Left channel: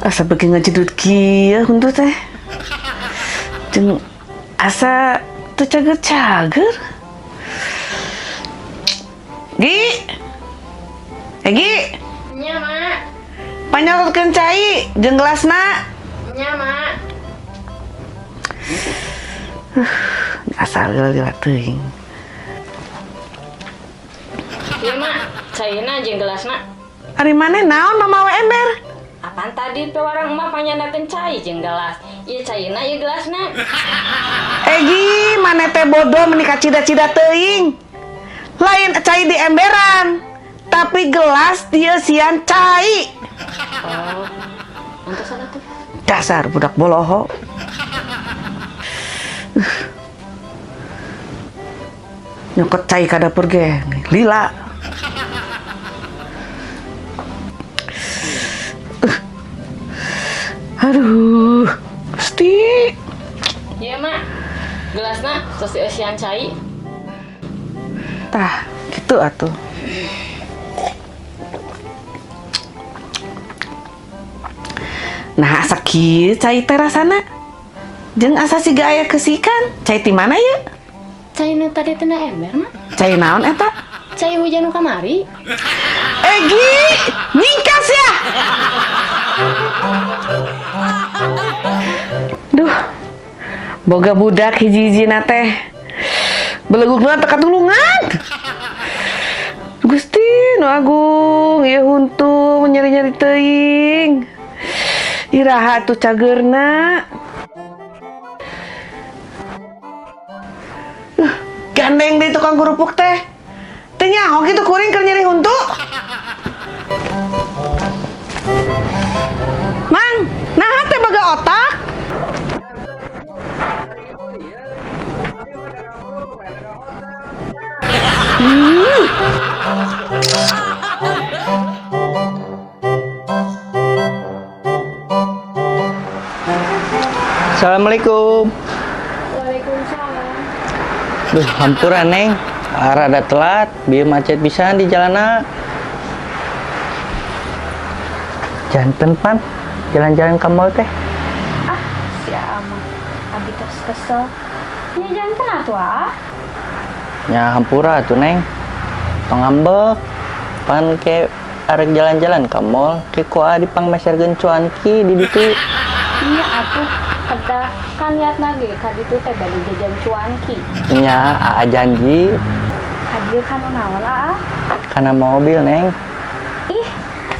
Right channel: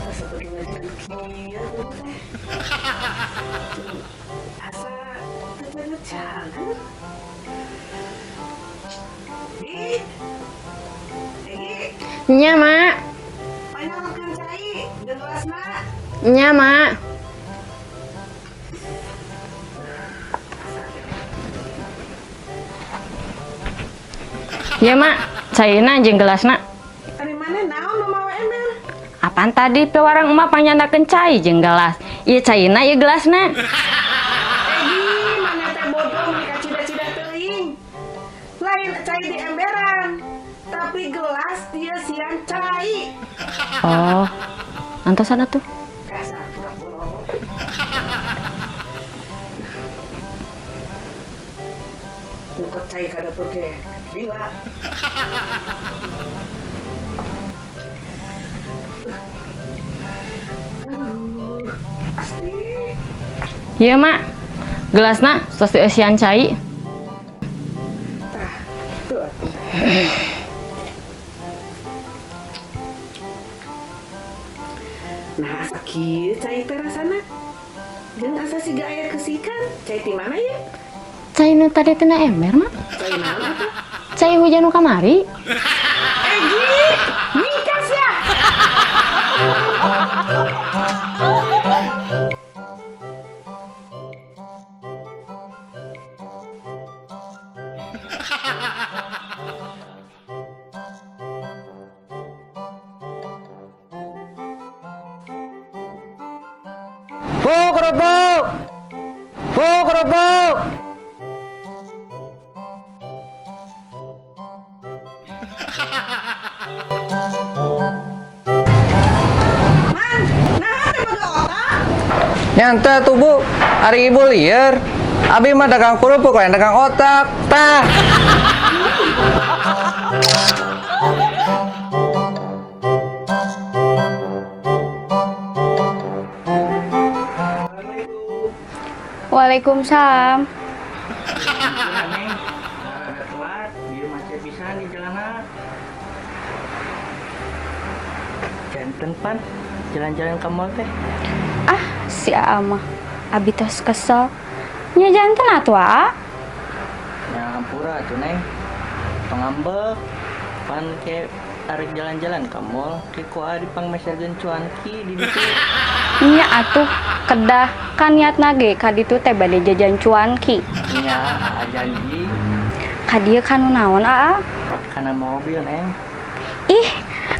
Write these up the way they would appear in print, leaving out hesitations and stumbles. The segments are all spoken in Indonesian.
Asa bagi ngajedut kieu huntu teh. Jeung asa teu cager-cager. Gi. Gi. Nya, Mak. Panyorotkeun cai jeung gelasna. Nya, Mak. Asal gila teuing. Ya, Mak. Caina jeung gelasna. Ari maneh naon mama we ember? Apaan tadi pewarang emak panyandakeun cai jeung gelas. Ieu caina ieu gelasna. Egi, maneh teh bodoh menikah cida-cida teuing. Lain cai di emberan, tapi gelas dia sian cai. Oh. Antosan atuh. Dasar budak boloho. Nyokot cai ka dapur ge, lila. Aduh, Gusti. Iya, Mak. Gelasna terus isian cai. Tah, gitu atuh. Nah, asa kieu cai teh rasana. Jeung asa siga aya kesikan. Cai ti mana ya? Cai nu tadi teh na ember, Mak. Cai naon eta? Cai hujan nu kamari. Egi, nyingkas ya. Duh, boga budak hiji-hijina teh belegugna teu katulungan. Gusti nu agung, ieu huntu nyari-nyari teuing. Iraha atuh cageurna. Kerupuk. Kerupuk. Gandeng deui tukang kerupuk teh. Teu nyaho kitu kuring keur nyari huntu. Mang, nah teh boga otak. Nyanta tuh Bu, hari ibu liar. Abi mah dagang kerupuk lain dagang otak. Tah. Assalamualaikum. Waalaikumsalam. Duh, hampura Neng. Rada telat, bieu macet pisan di jalanan. Janten pan, jalan-jalan ke mall teh. Ah, si Ama. Abi tos kesel. Nya janten atuh ah. Ya hampura tuh Neng. Pangambek. Pan ke arek jalan-jalan ke mall, ke koa dipangmeserkeun cuanki di ditu. Nya atuh kedah kan niatna ge ka ditu teh bade jajan cuanki. Nya Aa janji. Ka dieu kanu naon ah? Kana mobil Neng. Ih,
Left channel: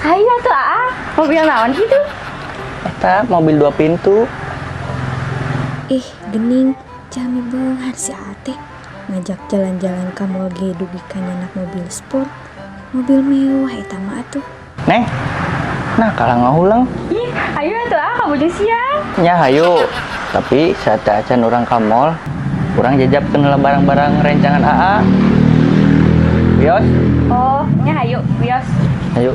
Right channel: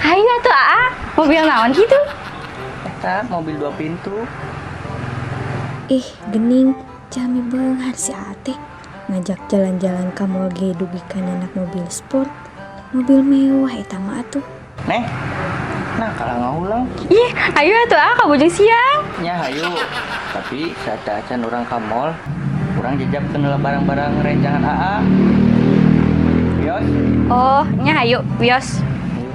ayo tuh ah. Mobil naon gitu? Eta mobil 2 pintu. Ih, gening, jami beunghar si Ate. Ngajak jalan-jalan ka mall ge dugikan anak mobil sport. Mobil mewah eta mah atuh. Neng, nah kalah ngahulang. Ih, ayo tuh ah ka bujung siang. Nya hayu. Tapi saat acan orang ka mall, urang jajabkeun barang-barang rencangan AA. Wios, Oh, nya ayo, wios. ayo.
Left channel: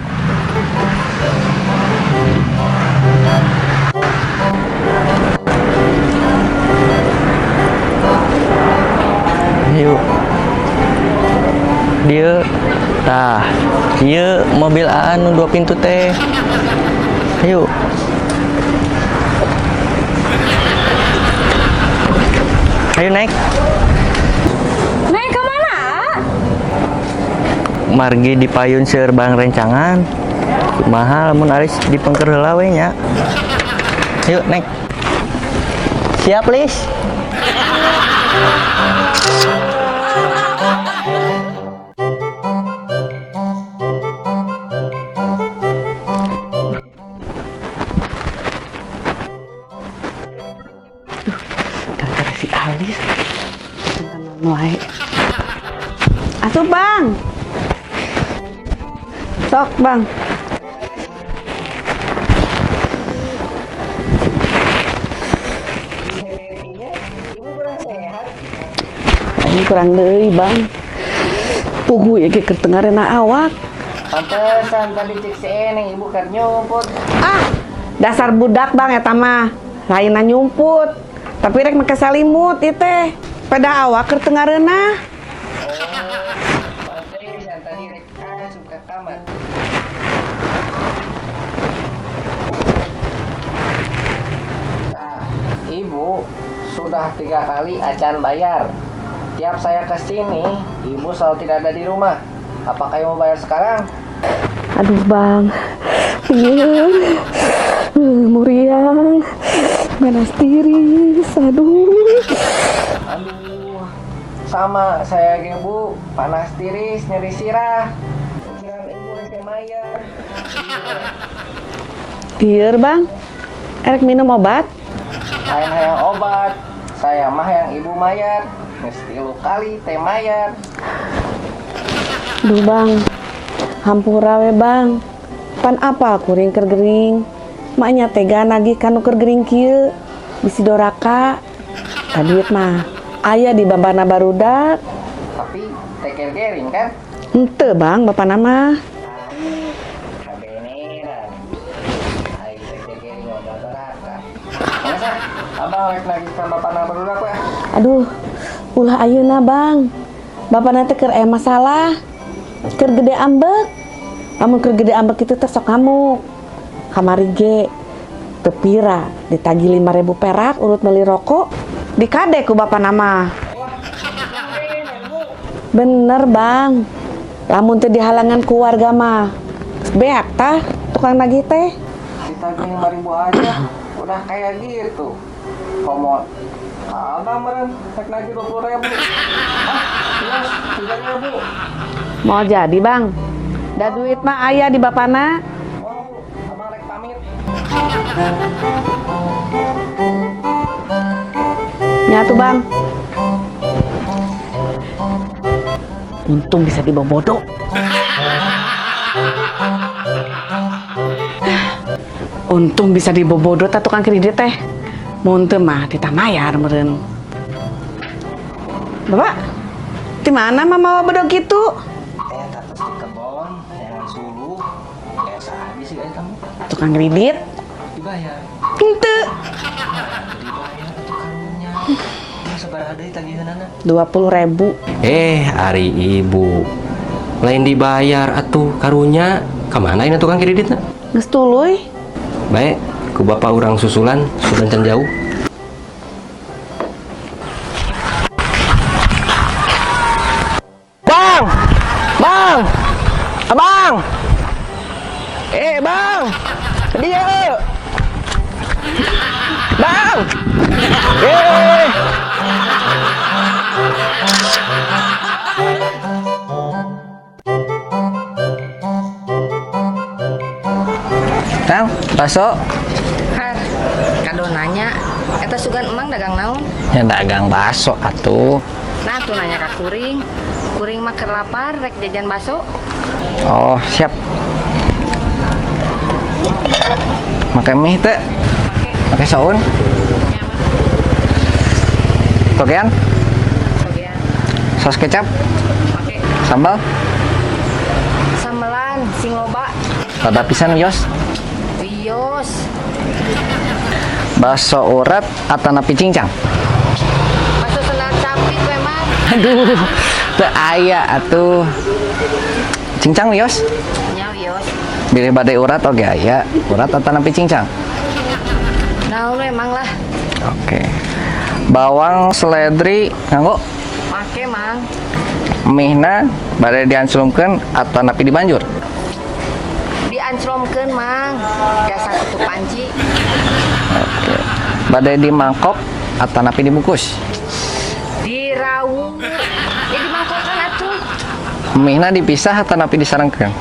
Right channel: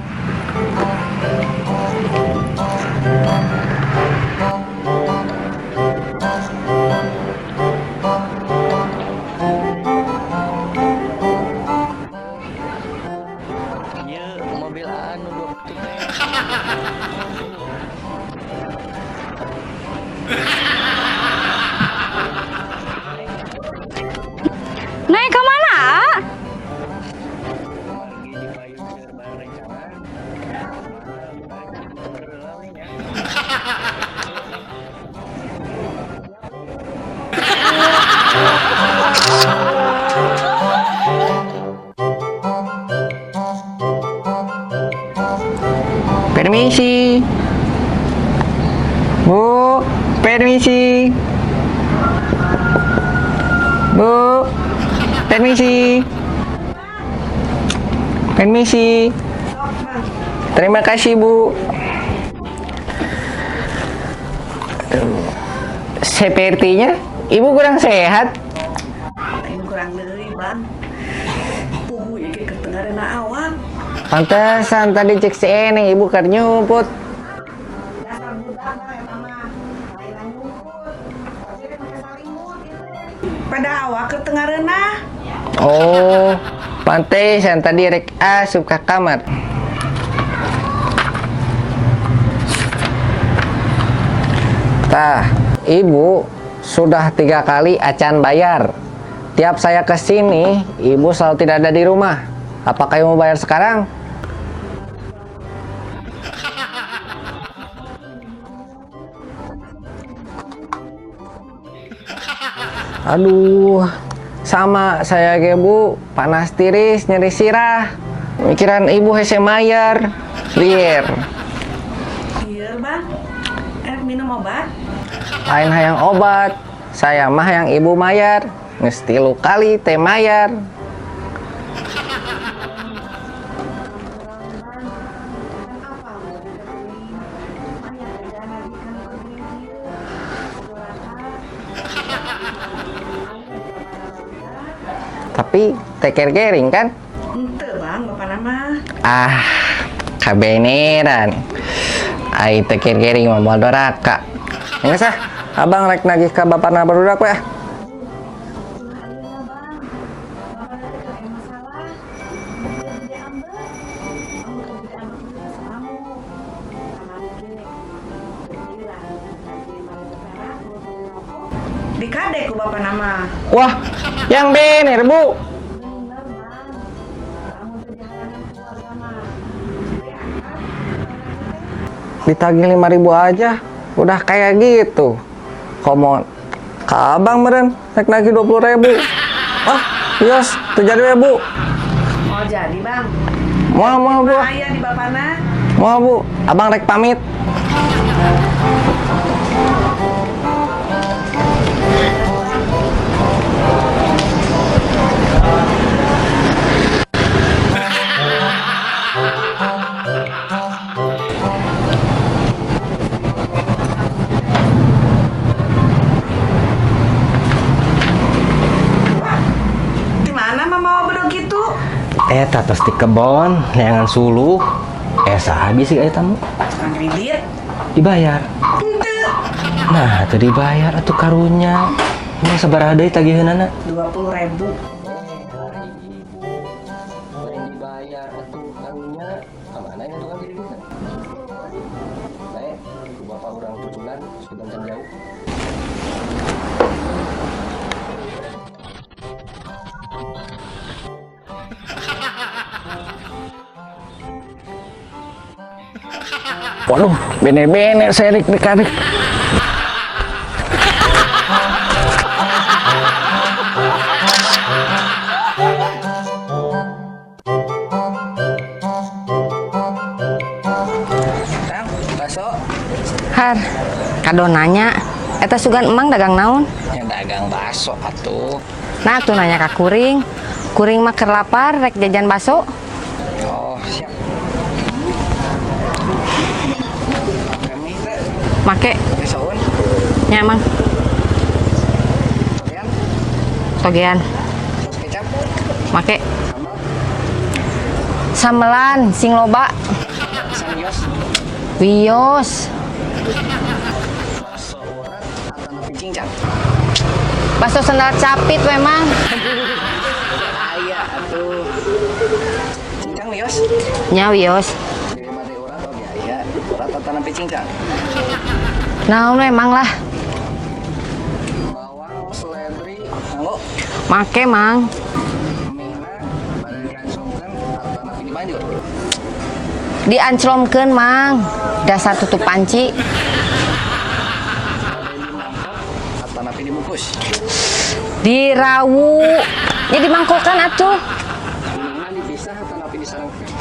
Ayo. Dia tah, dia mobil AA nu 2 pintu teh. Ayo. Ayo naik. Naik ke mana? Ah? Margi dipayun seueur barang rencangan. Mahal mun aris dipengker heula we nya. Yuk naik. Siap, Lis. Permisi. Bu, permisi. Bu, permisi. Atuh Bang, Permisi. sok Bang. Terima kasih, Bu. Sepertinya Ibu kurang sehat. Ini kurang deui Bang. Pugu ya ke ketengarena awak. Pantesan tadi cek si Eneng Ibu keur nyumput. Ah, dasar budak Bang eta mah. Lainna nyumput. Tapi rek make salimut ieu teh. Pada awak keur teu ngareunah. Oh, pantesan tadi rek asup ka kamar. Tah, ibu sudah 3 kali acan bayar. Tiap saya ke sini, ibu selalu tidak ada di rumah. Apakah ibu mau bayar sekarang? Aduh bang, iya, muriang, ganas tiris, Aduh, sama saya ge bu, panas tiris, nyeri sirah. Mikiran ibu hese mayar, liar. Biar bang, erek minum obat. Lain hayang obat, saya mah yang ibu mayar. Geus 3 kali teh mayar. Duh bang, hampura we bang. Pan apa kuring keur gering? Maknya tega nagih kanu keur gering kieu. Bisi doraka. Duit mah aya di babana barudak. Tapi teker gering kan? Henteu bang, bapak nama. Ah, kabeneran. Ai teker gering mah moal doraka. Geus ah, abang rek nagih ka bapana barudak we. Aduh, ulah ayeuna bang. Bapak nanti keur aya masalah. Keur gede ambek. Kamu keur gede ambek itu teh sok ngamuk. Kamari ge teu pira ditagih 5.000 perak urut beli rokok. Dikade ku bapak nama. Wah, yang bener bu. Bener bang. Lamun teu dihalangan ku warga mah beak tah tukang nagih teh. Ditagih 5.000 aja udah kayak gitu. Komon ka abang meureun rek nagih 20.000. Ah, yes, teu jadi we bu. Mau jadi bang? Mau bu. Bang aya di bapana. Mau bu, abang rek pamit. Ya tuh bang. Untung bisa dibobodo ta tukang kredit teh. Mun teu mah ditambayar meureun. Bapak, di mana mama bodoh gitu? Eta tos di kebon, neangan suluh. Esa habis sih tamu. Tukang kredit? Dibayar. Henteu. Nah, teu dibayar atuh karunya. Mau sabaraha deui tagiheunana? 20.000. Ari ibu. Lain dibayar atuh karunya. Kamana ini tukang kreditna? Geus tuluy. Baik, ku bapak urang susulan sudah can jauh. Bang! Bang! Abang! Bang! Waduh, bener-bener saya dik-dik. Bang! Kang, bakso. Har, kado nanya, eta sugan emang dagang naon? Ya dagang bakso atuh. Nah tuh nanya ka kuring, kuring mah keur lapar, rek jajan bakso. Oh, siap. Make mie teh, Make, make saun, nya emang, togean, togean, saus kecap, make, sambal, samelan, sing loba, lada pisan yos, wios, bakso urat atanapi cincang. bakso sendal capit memang, Aduh, teu aya atuh. Cincang wios, nya wios, bilih bade urat oge aya, urat atanapi cincang. naon memang lah, Oke. Bawang seledri nganggo, make mang, mihna bade dianclumkeun atanapi dibanjur. dianclomkeun mang, dasar tutup panci, Bade di mangkok atanapi dibungkus. dirawu, ya dimangkokan atuh, Mihna dipisah atanapi disarengkeun.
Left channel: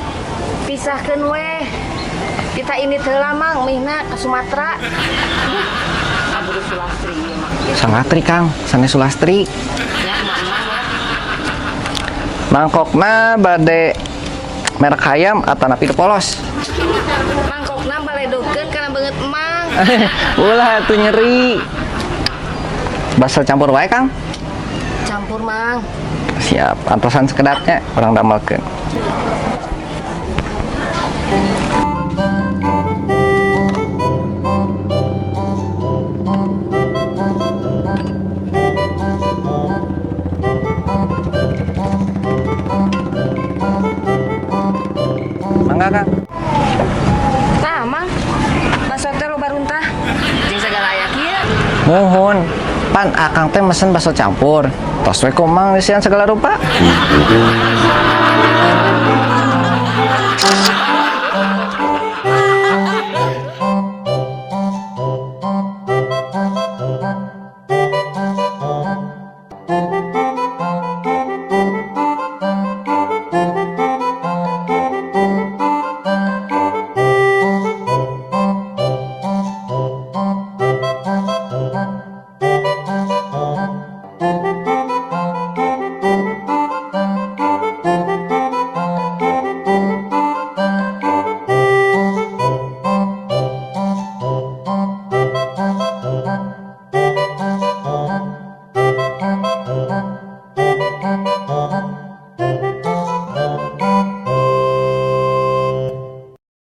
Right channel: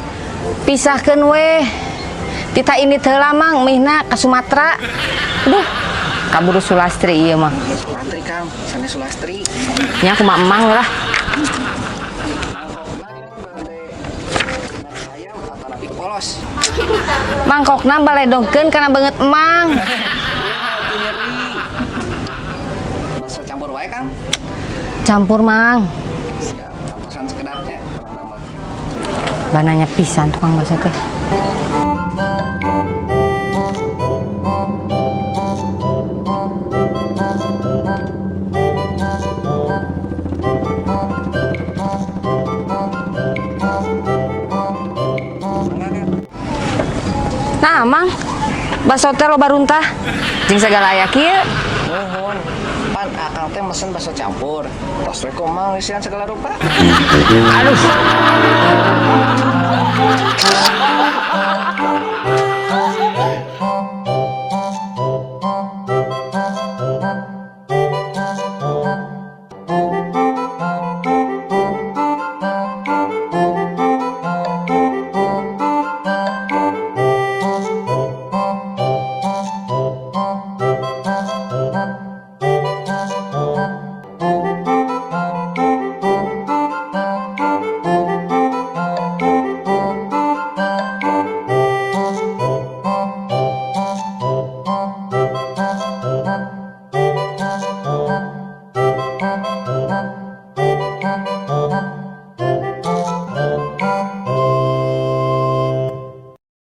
pisahkeun weh, tita ini teu lamang, mihna ka Sumatera, duh, kaburu Sulastri ieu mah. Salatri Kang, sanes Sulastri. Nya kumaha emang lah. Mangkokna bade merek hayam atanapi polos. Mangkokna baledongkeun kana beungeut emang. Ulah atuh nyeri. Bakso campur wae Kang. Campur mang. Siap, antosan sekedapnya orang damelkeun. Bananya pisan tukang bakso teh. Nah, Mang, bakso teh loba runtah. Jeung segala aya kieu. Nuhun, pan akang teh mesen bakso campur. Tos we kumang isian segala rupa. Thank you.